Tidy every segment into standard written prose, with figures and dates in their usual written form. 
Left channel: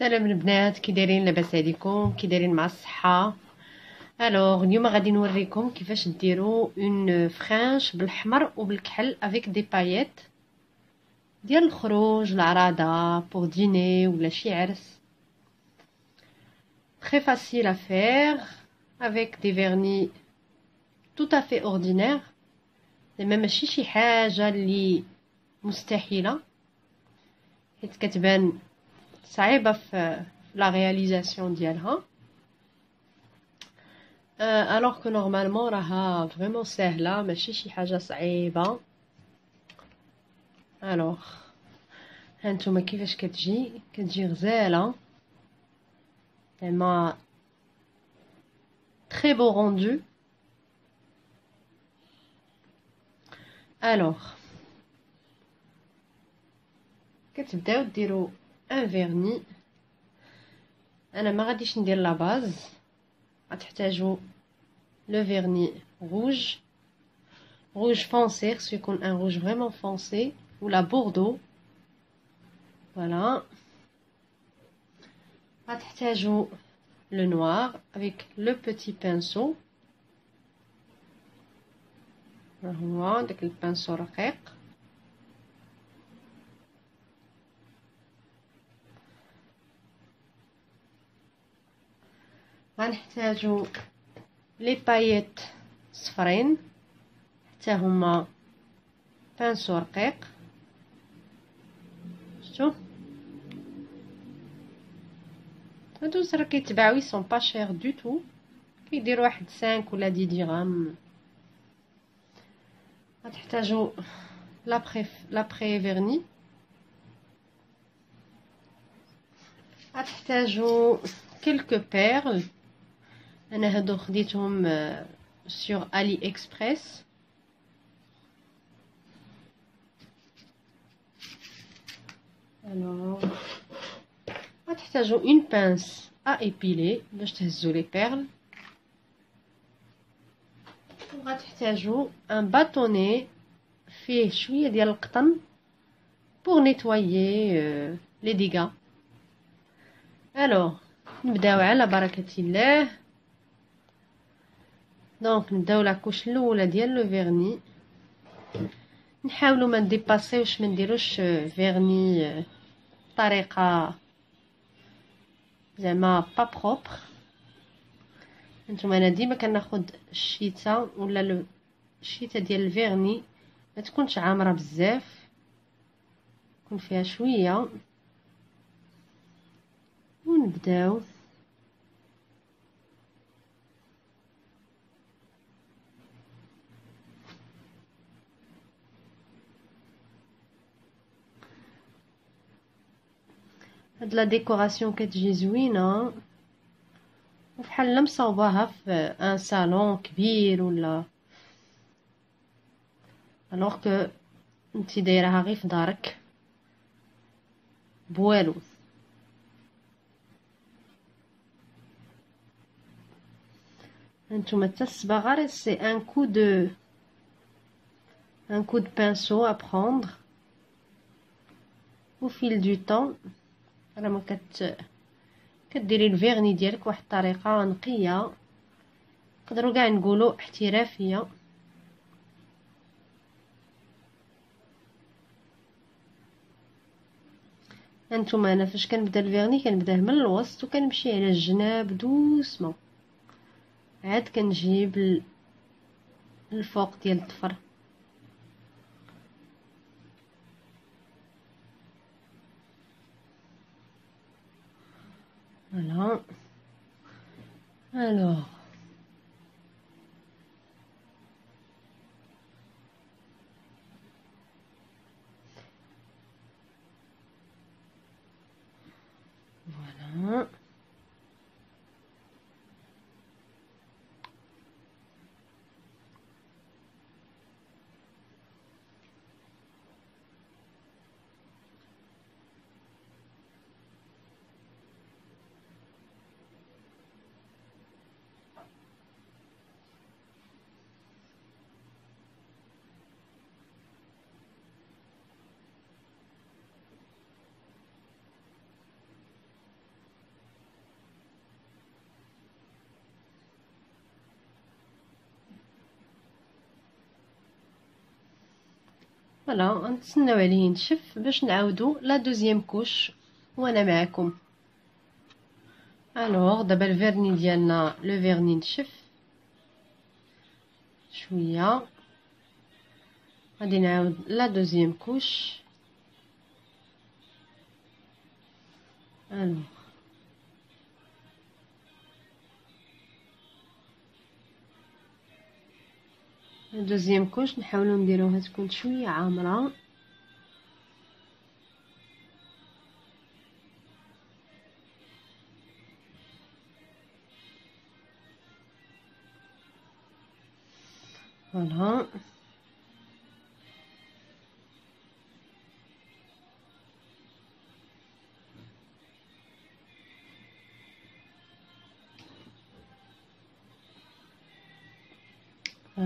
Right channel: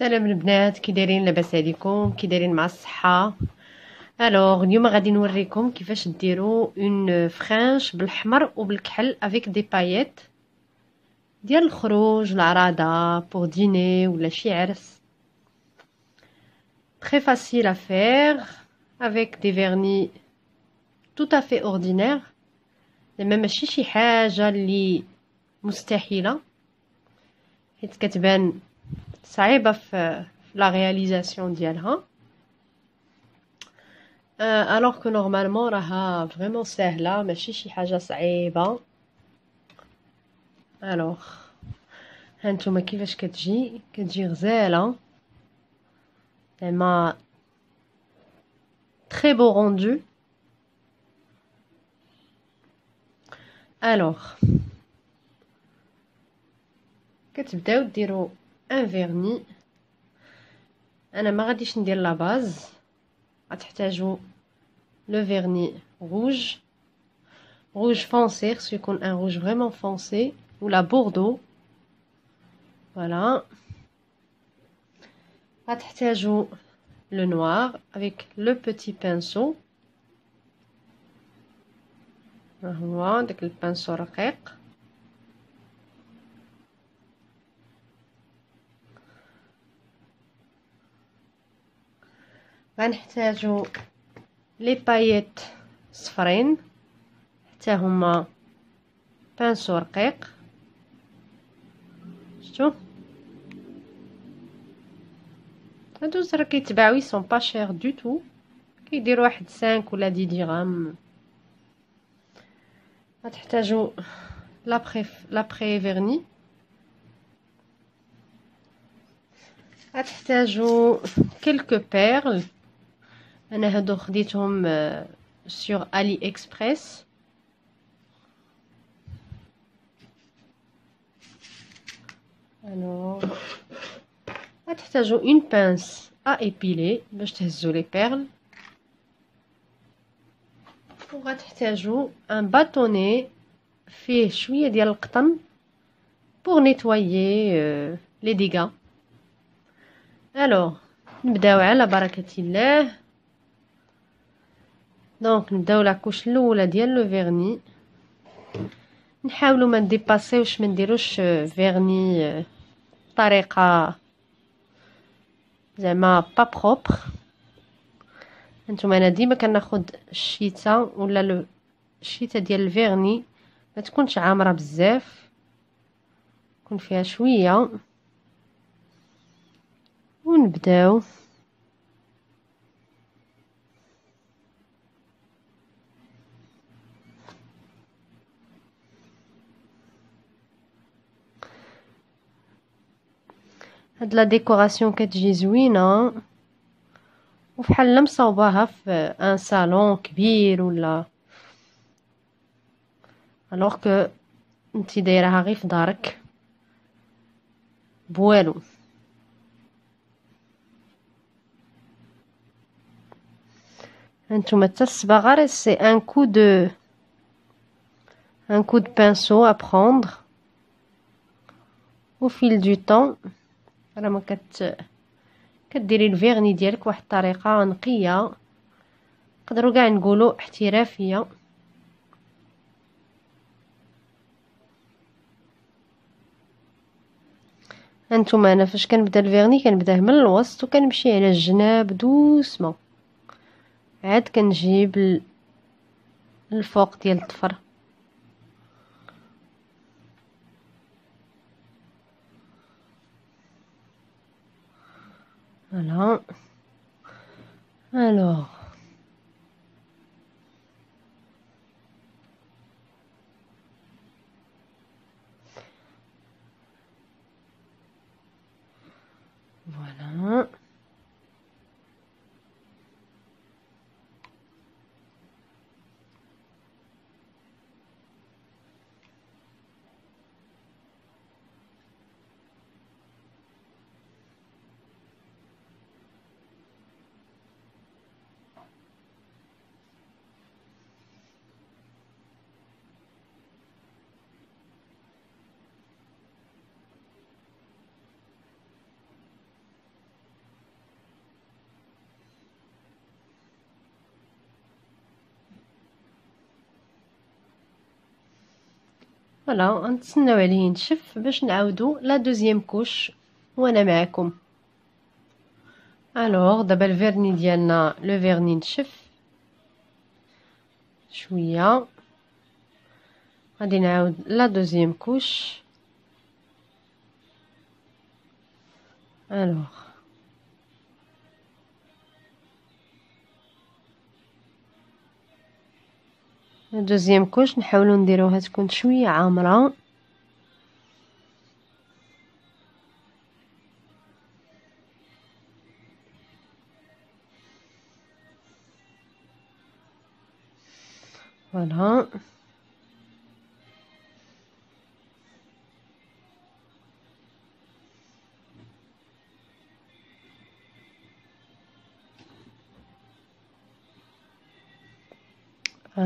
سلام البنات، كي دايرين؟ لاباس عليكم؟ كي دايرين مع الصحه؟ اليوم غادي نوريكم كيفاش ديروا اون فرانش بالحمر وبالكحل افيك دي باييت ديال الخروج العراضه بور ديني ولا شي عرس. très facile à faire avec des vernis tout à fait ordinaires. زعما ماشي شي حاجه اللي مستحيله، حيت كتبان صعيبه في لا رياليزاسيون ديالها. alors que normalement راها فريمون ساهله، ماشي شي حاجه صعيبه. الوغ هانتوما كيفاش كتجي غزاله، زعما très beau rendu. الوغ كتبداو ديروا ان فيرني. انا ما غاديش ندير لا باز، غتحتاجوا لو فيرني rouge foncé، خصو يكون ان rouge vraiment foncé ولا بوردو. فوالا غتحتاجوا le noir avec le petit pinceau. ها هو داك البانسو رقيق. غنحتاجوا لي باييت صفرين حتى هما بانسو رقيق. شفتوا هادو راه كيتباعو يسون با شير دو تو، كيديروا واحد 5 ولا 10 درهم. غتحتاجوا لابري فيرني، غتحتاجوا كلكو بيرل. انا هادو خديتهم سور علي اكسبريس. الوغ غتحتاجوا اون بانس ا ايبيلي باش تهزوا لي بيرل، وغتحتاجوا ان باتوني فيه شويه ديال القطن بور نيتوايي لي ديغا. الوغ نبداو على بركه الله. دونك نبداو لاكوش الاولى ديال لو فيرني. نحاولوا ما نديباسيوش، ما نديروش فيرني بطريقه زعما با بروبر. هانتوما انا ديما كناخد الشيته ولا الشيته ديال الفيرني ما تكونش عامره بزاف، يكون فيها شويه. ونبداو هاد لا ديكوراسيون كتجي زوينه وفحال مصوباها في ان صالون كبير ولا، الوغ كو انتي دايرها غير في دارك بوالو. هانتوما حتى الصباغه راه سي ان coup de pinceau à prendre au fil du temps. راه ما كديري الفيرني ديالك واحد الطريقه نقيه، نقدروا كاع نقولوا احترافيه. هانتوما انا فاش كنبدا الفيرني كنبداه من الوسط وكنمشي على الجناب دوسمون، عاد كنجيب الفوق ديال الظفر. فوالا الوغ فوالا فوالا غنتسناو عليه ينشف باش نعاودو لا دوزيام كوش وانا معكم. الوغ دابا الفيرني ديالنا لو فيرني نشف شويه، غادي نعاود لا دوزيام كوش. الوغ لا دوزيام كوش نحاولوا نديروها تكون شويه عامره. فوالا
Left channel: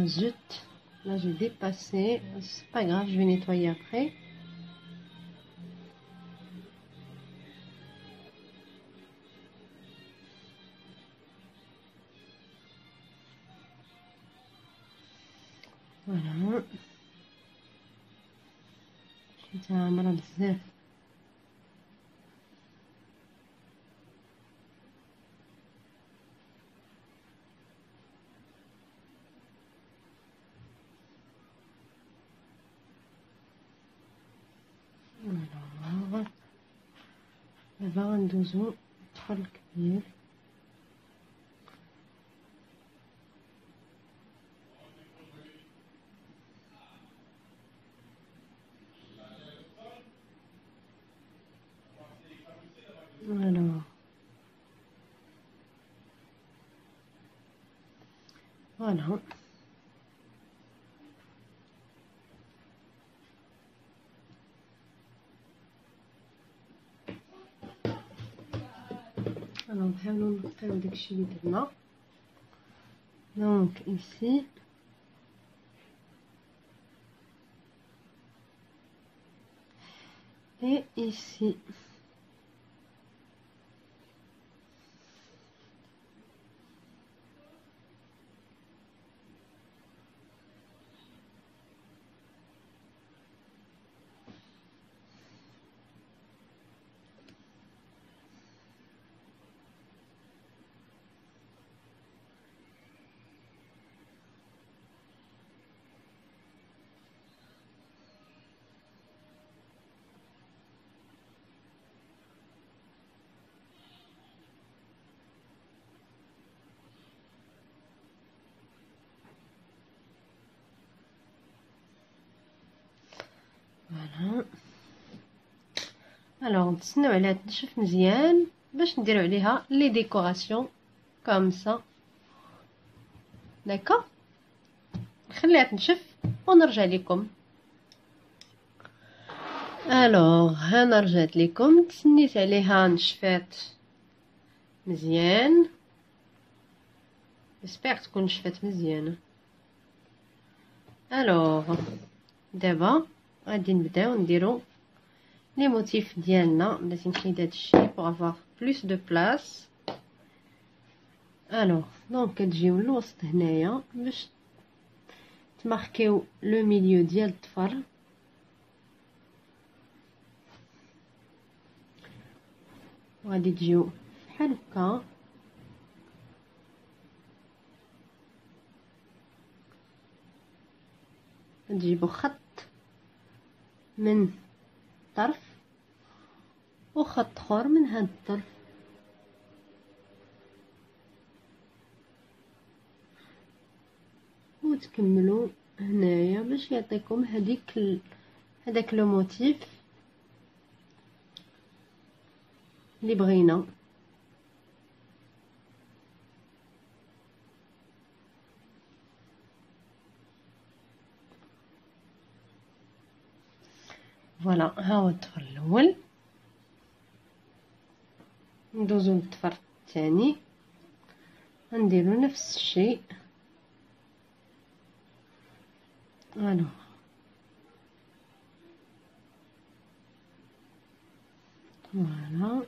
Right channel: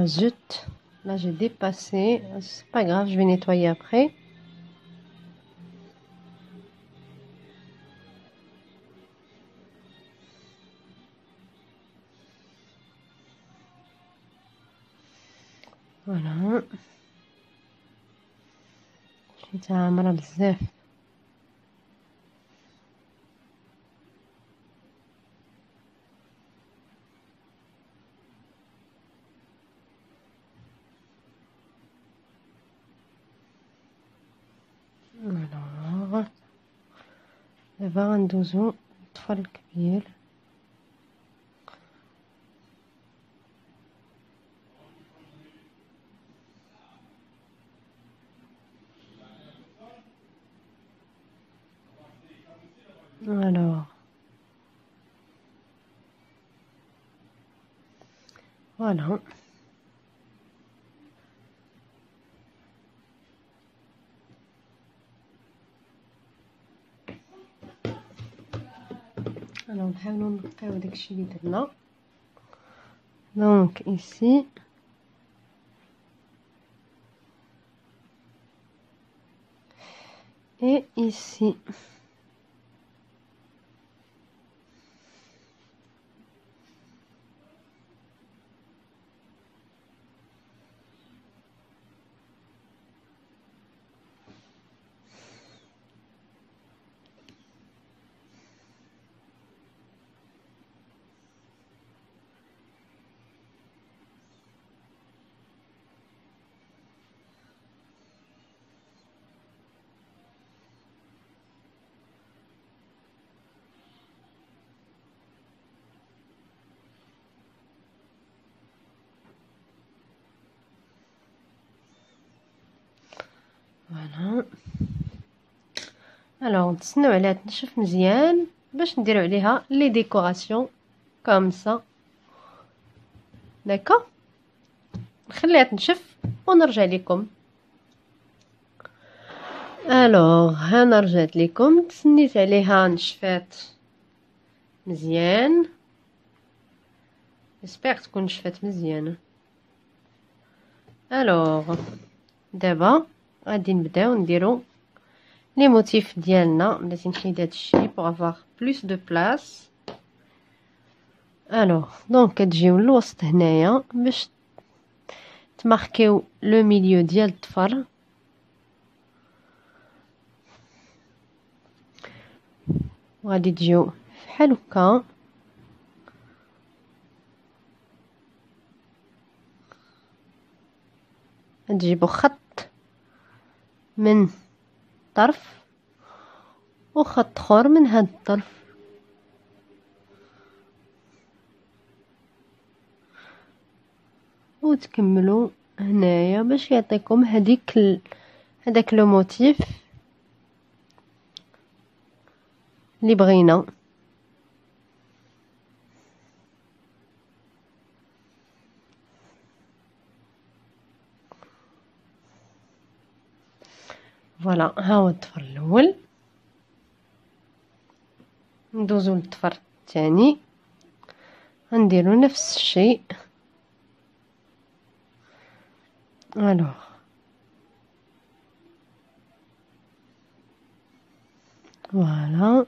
zut, là j'ai dépassé, c'est pas grave, je vais nettoyer après. Voilà, حيتها عامرة بزاف. Alors دابا غندوزو الطفل الكبير. Alors voilà. Alors نحاولو نقيو داكشي اللي درنا. Donc ici et ici. فوالا. الوغ نتسناو عليها تنشف مزيان باش نديرو عليها لي ديكوراسيون كوم سا. داكوغ نخليها تنشف ونرجع لكم. الوغ هانا رجعت لكم، تسنيت عليها نشفات مزيان، جيسبيغ تكون نشفات مزيانه. الوغ دابا غادي نبداو نديرو لي موتيف ديالنا. بلاتي نحيد هادشي بوغ افوار بلوس دو بلاص. الوغ دونك كتجيو للوسط هنايا باش تماركيو لو ميليو ديال الظفر. وغادي تجيو بحال هكا، تجيبو خط من طرف وخط اخر من هاد الطرف، وتكملوا هنايا باش يعطيكم هداك لو موتيف اللي بغينا. فوالا ها هو الظفر الاول. ندوزو للظفر الثاني، غنديرو نفس الشيء. الوغ فوالا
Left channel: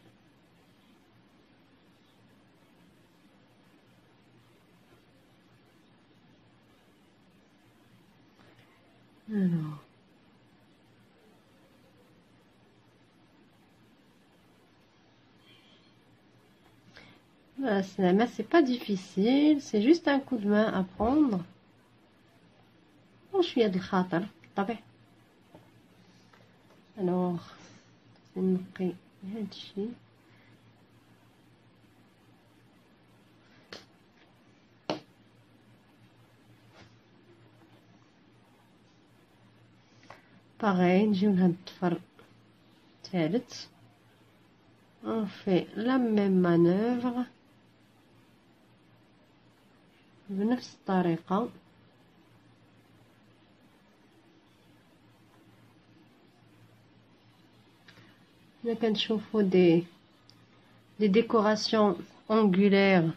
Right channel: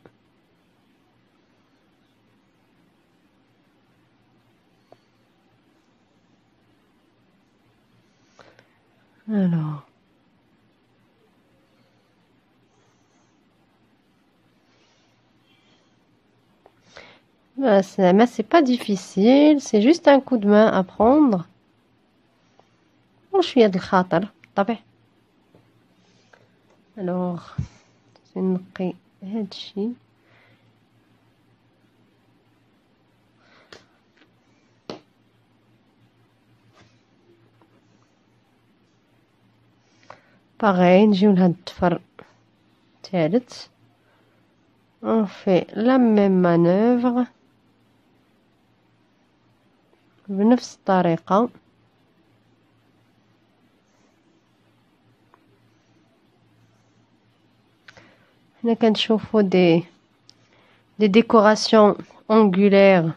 الوغ Mais c'est pas difficile, c'est juste un coup de main à prendre وشوية د الخاطر بالطبع. الوغ نقي هادشي باغي. نجيو لهاد الضفر الثالث on fait la même manœuvre بنفس الطريقة. هنا كنشوفو دي décorations angulaires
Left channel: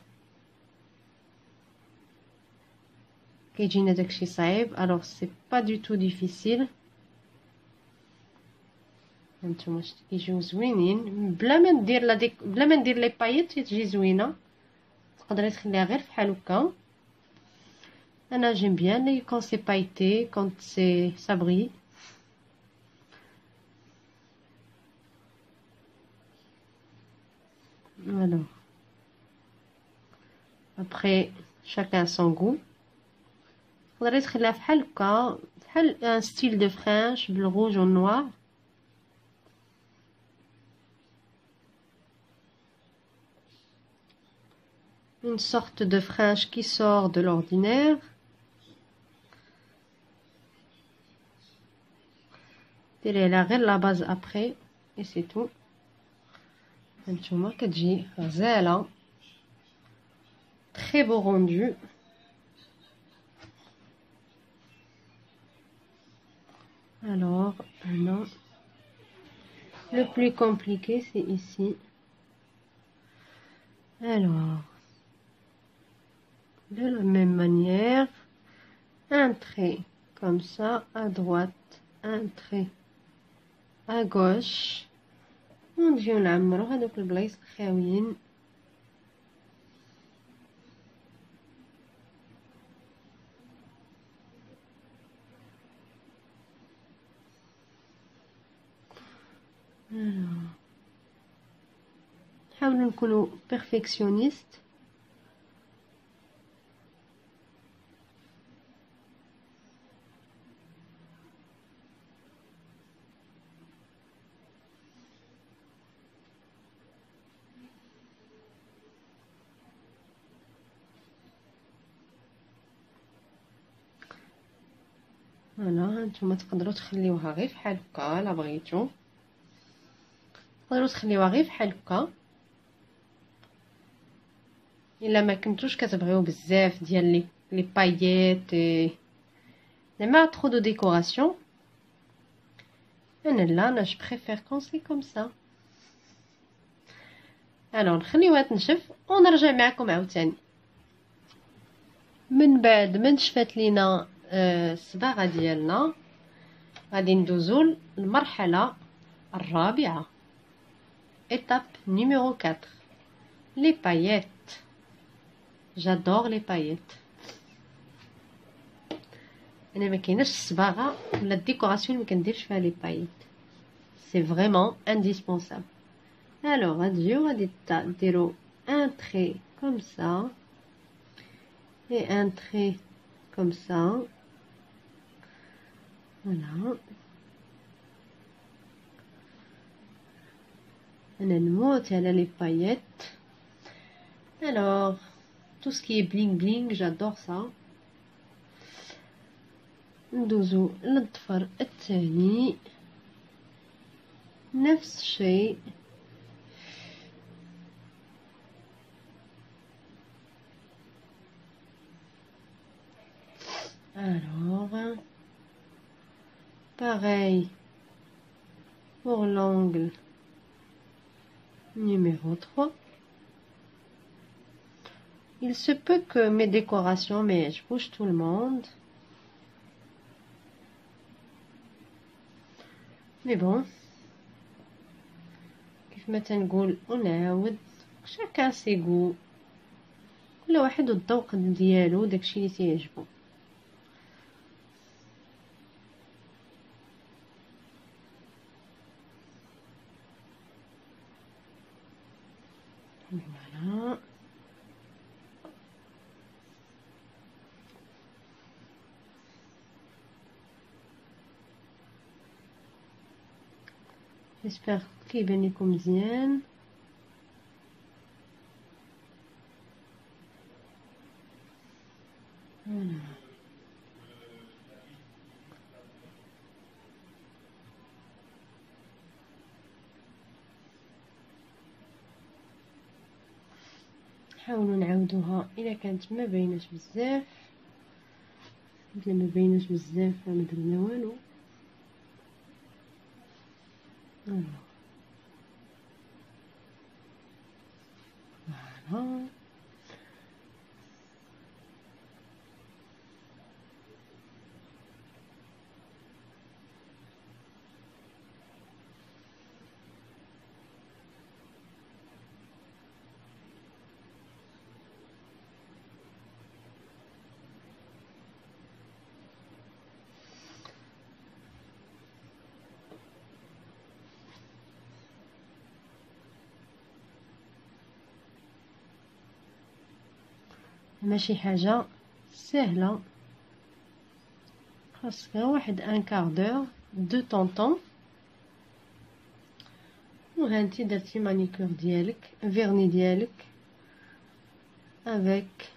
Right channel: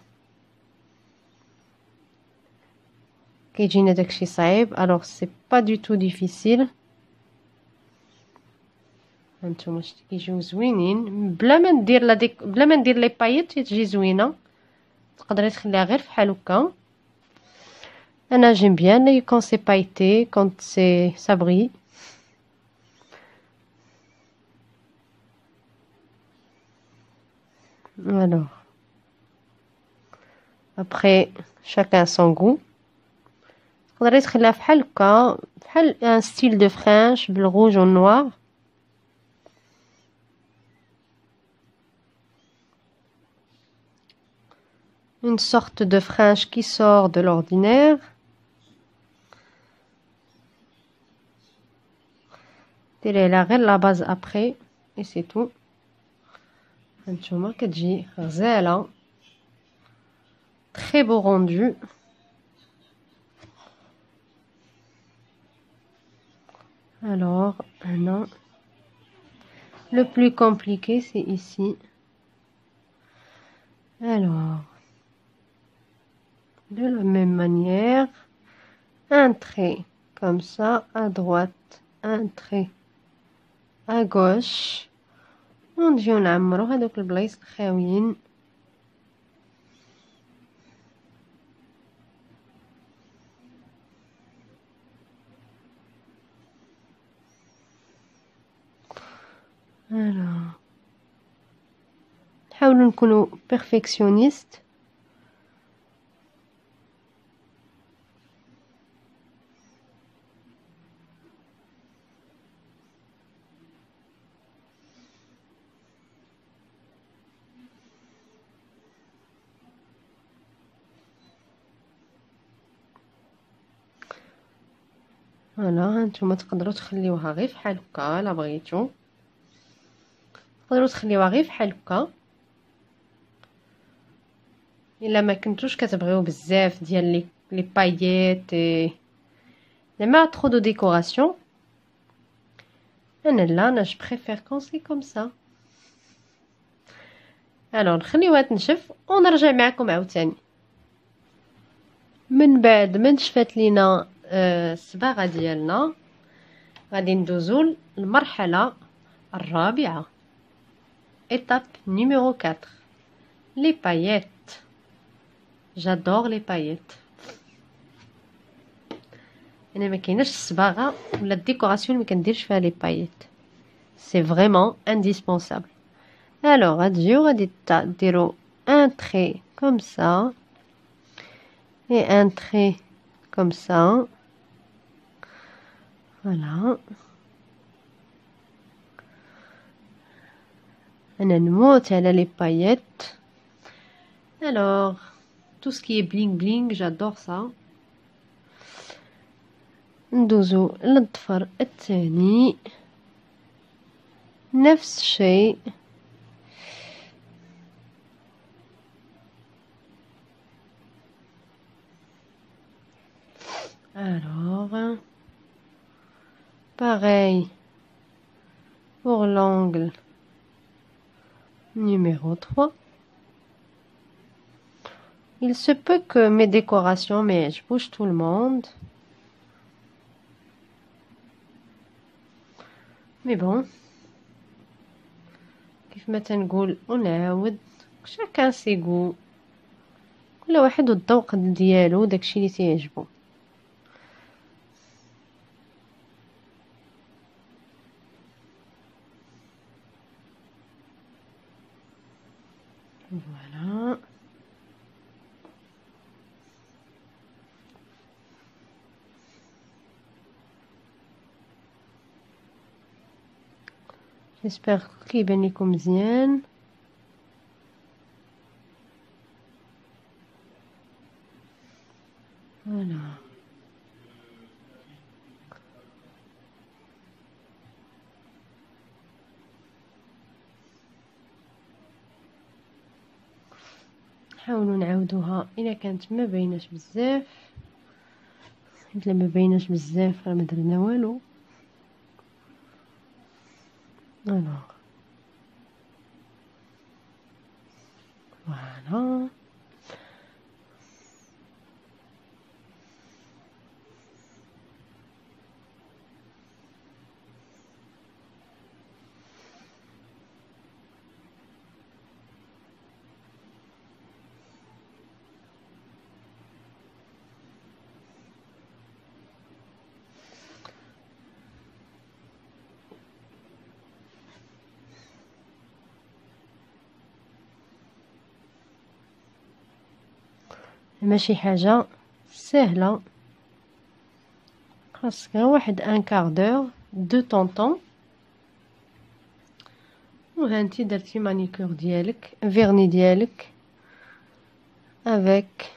كيجينا داكشي صعيب. alors c'est pas du tout difficile. هانتوما شتي كيجيو زوينين بلا ما ندير بلا ما ندير لي بايط تجي زوينه. تقدري تخليها غير فحال هكا. انا j'aime bien quand c'est pailleté, quand c'est ça brille. alors après chacun son goût. تقدري تخليها فحال هكا بحال ان ستيل دو فرانش بالروج و نوار. une sorte de frange qui sort de l'ordinaire. ديري غير لا باز ابري et c'est tout. هانتوما كتجي غزاله très beau rendu. alors non, le plus compliqué c'est ici. alors de la même manière, un trait comme ça à droite, un trait à gauche. ونجيو نعمرو هذوك البلايص الخاويين. نحاولوا نكونوا بيرفكسيونيست. فوالا هانتوما تقدروا تخليوها غير فحال هكا. الا بغيتو تقدروا تخليوها غير فحال هكا. الا ما كنتوش كتبغيو بزاف ديال لي باييت زعما ترو دو ديكوراسيون. انا جو بريفير كون سي كوم سا. الو نخليوها تنشف ونرجع معكم عاوتاني. من بعد ما نشفات لينا الصباغه ديالنا غادي ندوزو للمرحله الرابعه. étape numéro 4 les paillettes. j'adore les paillettes. انا ما كايناش الصباغه ولا الديكوراسيون ما كنديرش فيها لي باييت. c'est vraiment indispensable. alors غتجيو غادي ديروا un trait comme ça et un trait comme ça. voilà. انا نموت على les paillettes. alors tout ce qui est bling bling j'adore ça. ندوزو للضفر الثاني نفس الشيء. alors pareil pour l'angle numéro 3. il se peut que mes décorations mais je bouge tout le monde. mais bon كيف ما تنقول ونعاود chacun ses goûts. كل واحد والذوق ديالو داكشي اللي تيعجبو. فوالا جيسبر كيبان لكم مزيان. فوالا نحاولوا نعاودوها الا كانت ما بايناش بزاف، الا ما بايناش بزاف راه ما درنا والو. فوالا ماشي حاجه سهله، خاصك غير واحد ان كاردور دو طونطون. وهانتي درتي مانيكور ديالك، فيرني ديالك افيك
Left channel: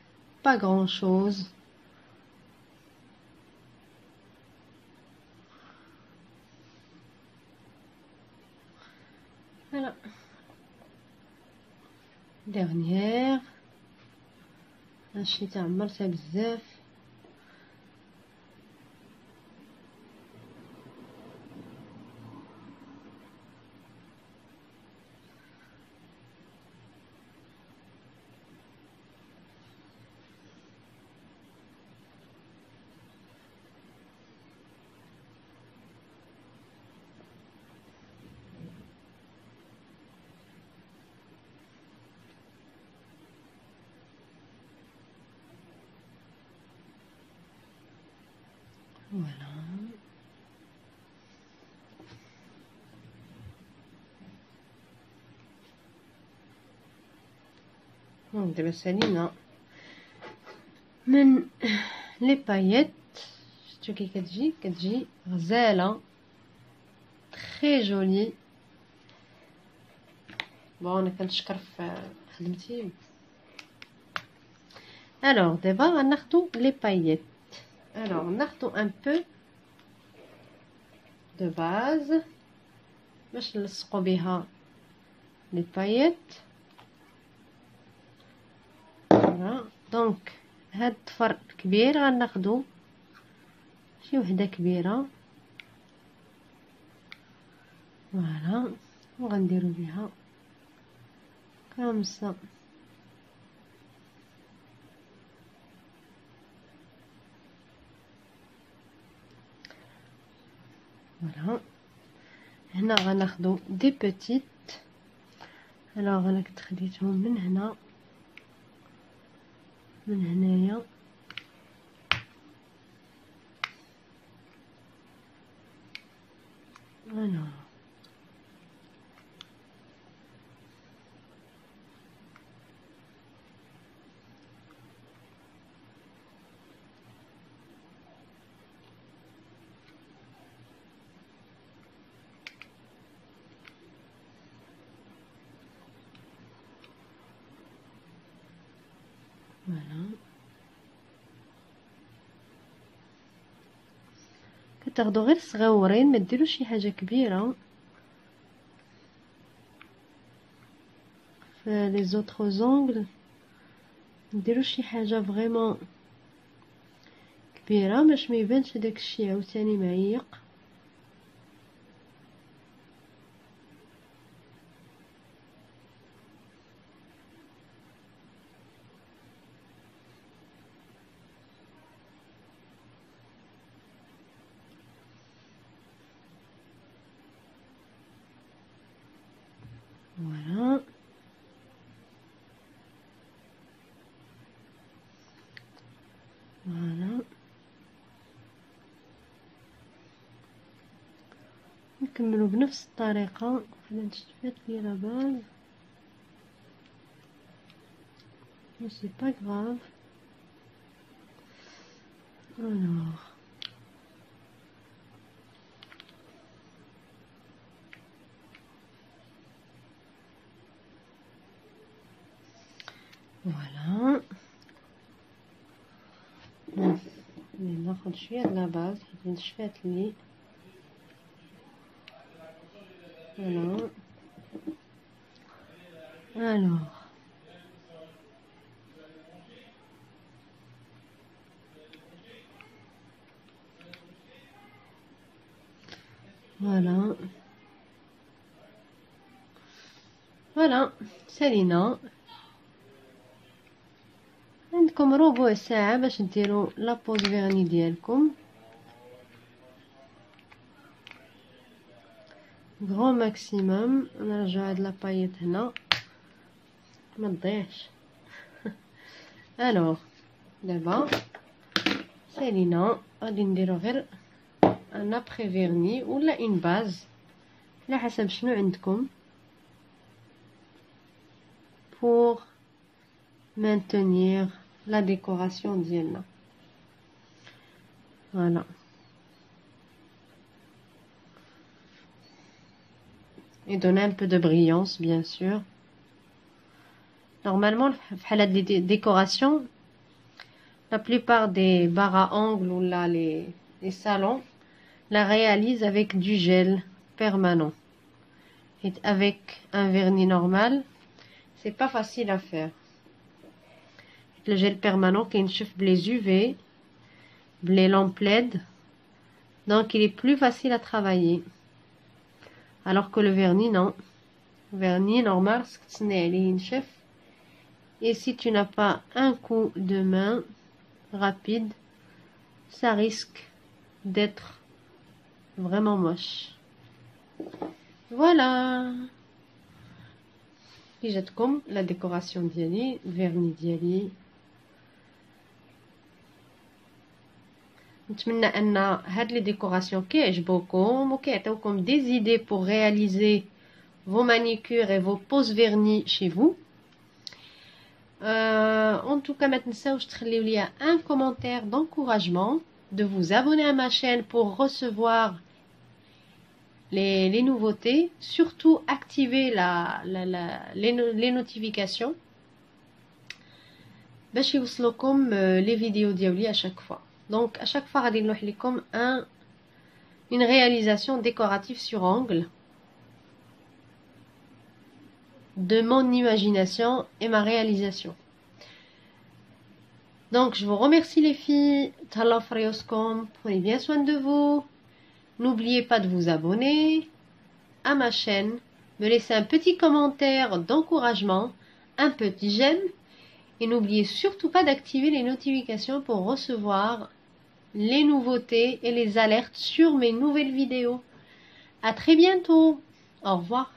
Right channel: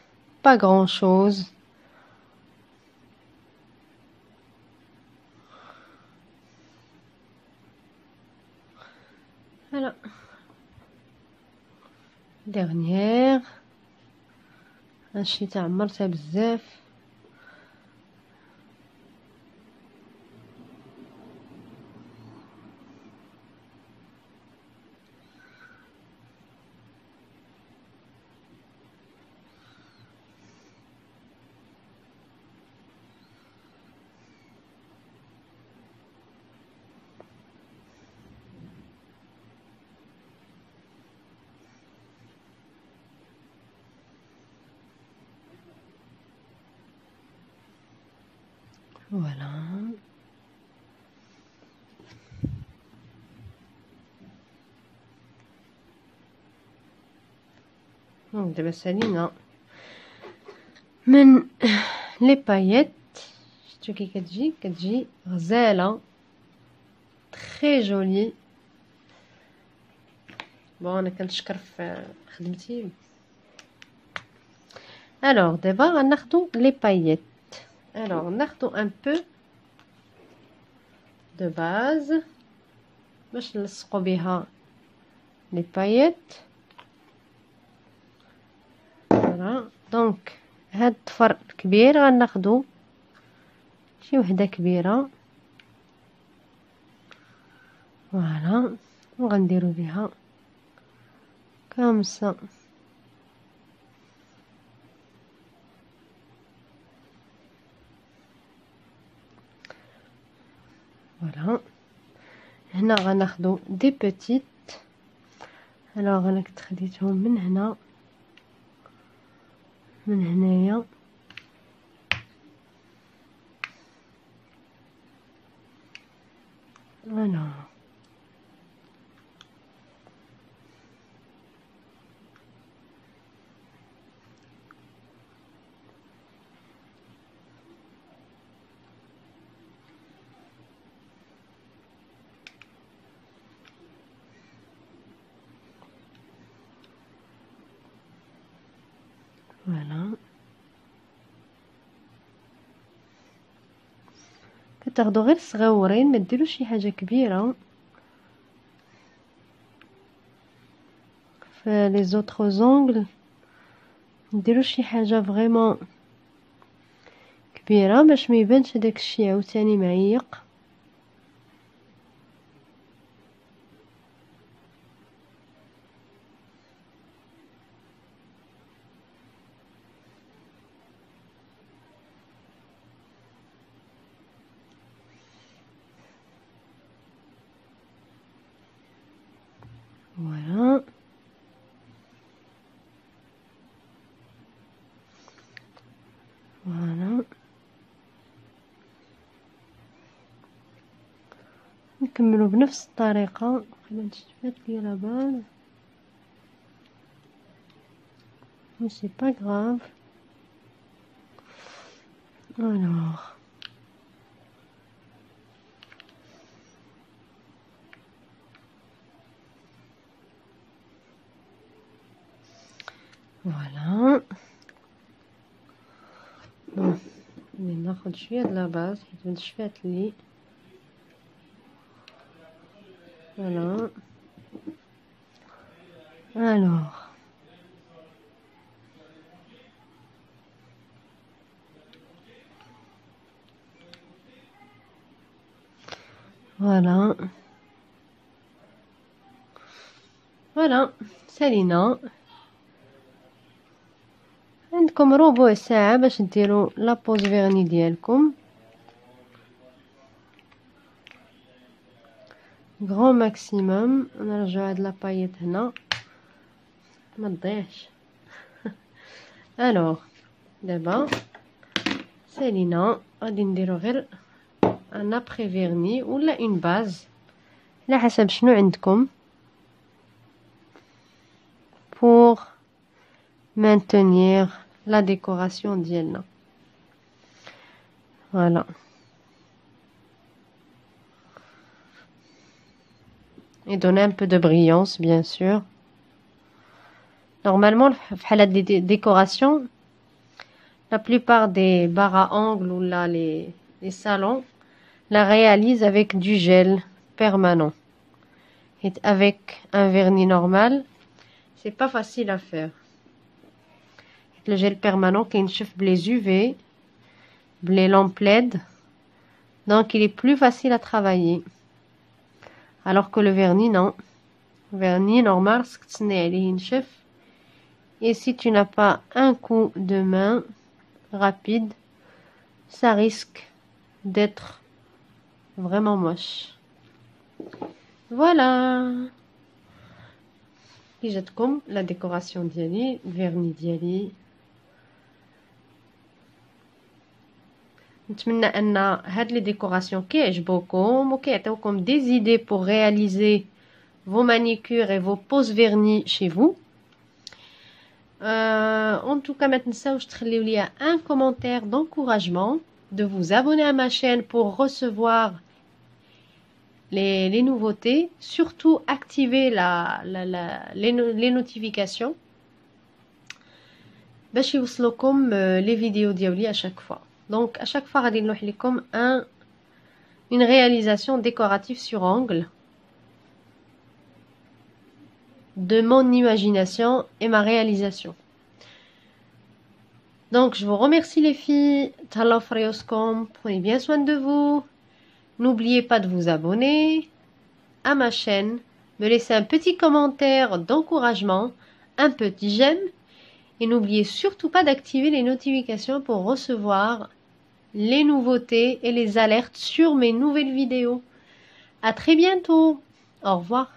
با غران شوز. فوالا ديرنيير هادشي تاع عمرتها بزاف. فوالا دابا سالينا من لي باييت. شفتو كي كتجي غزاله تري جولي. بون انا كنشكر في خدمتي. الوغ دابا غناخدو لي باييت. الوغ ناخدو ان بو دو باز باش نلصقو بها لي باييت. فوالا دونك هاد الطفر الكبير غناخدو شي وحده كبيره. فوالا وغنديرو بها كامسا. فوالا هنا غناخدو دي بوتيت. الوغ انا كنت خديتهم من هنا من هنايا. فوالا فوالا كتاخدو غير صغيورين، ما ديروش شي حاجه كبيره في لي زوطخ زونغل. نديرو شي حاجه فريمون كبيره باش ما يبانش داك الشيء عاوتاني معيق. فوالا فوالا نكملو بنفس الطريقه. خلينا نشوف لي لاباز ماشي با غراف. الوغ فوالا ناخد شويه د لا باز حيت نشفات لي فوالا الوغ فوالا فوالا سالينا عندكم ربع ساعة باش ديروا لابوز فيرني ديالكم غران ماكسيموم. نرجعو هاد لابايط هنا ما تضيعش. الوغ دابا سالينا غادي نديرو غير ان ابري فيرني ولا اون باز على حسب شنو عندكم pour maintenir la décoration ديالنا. Voilà. Et donner un peu de brillance, bien sûr. Normalement, في حالات des décorations, la plupart des bars à ongles ou là les salons la réalisent avec du gel permanent. Et avec un vernis normal, c'est pas facile à faire. Le gel permanent qui est les UV, les lampes LED, donc il est plus facile à travailler. Alors que le vernis, non. Le vernis normal, et si tu n'as pas un coup de main rapide, ça risque d'être vraiment moche. Voilà. جاتكم la décoration ديالي الفيرني ديالي. نتمنى ان هاد لي ديكوراسيون كيعجبوكم وكيعطيوكم des idées pour réaliser vos manicures et vos poses vernis chez vous. En tout cas, ما تنساوش تخليو ليا un commentaire d'encouragement, de vous abonner à ma chaîne pour recevoir les nouveautés, surtout activer les notifications باش يوصلوكم les vidéos ديالي à chaque fois. Donc à chaque fois غادي نلوح لكم une réalisation décorative sur ongle de mon imagination et ma réalisation. Donc je vous remercie les filles, تهلاو في ريوسكم, prenez bien soin de vous. N'oubliez pas de vous abonner à ma chaîne, me laisser un petit commentaire d'encouragement, un petit j'aime, et n'oubliez surtout pas d'activer les notifications pour recevoir les nouveautés et les alertes sur mes nouvelles vidéos. À très bientôt. Au revoir.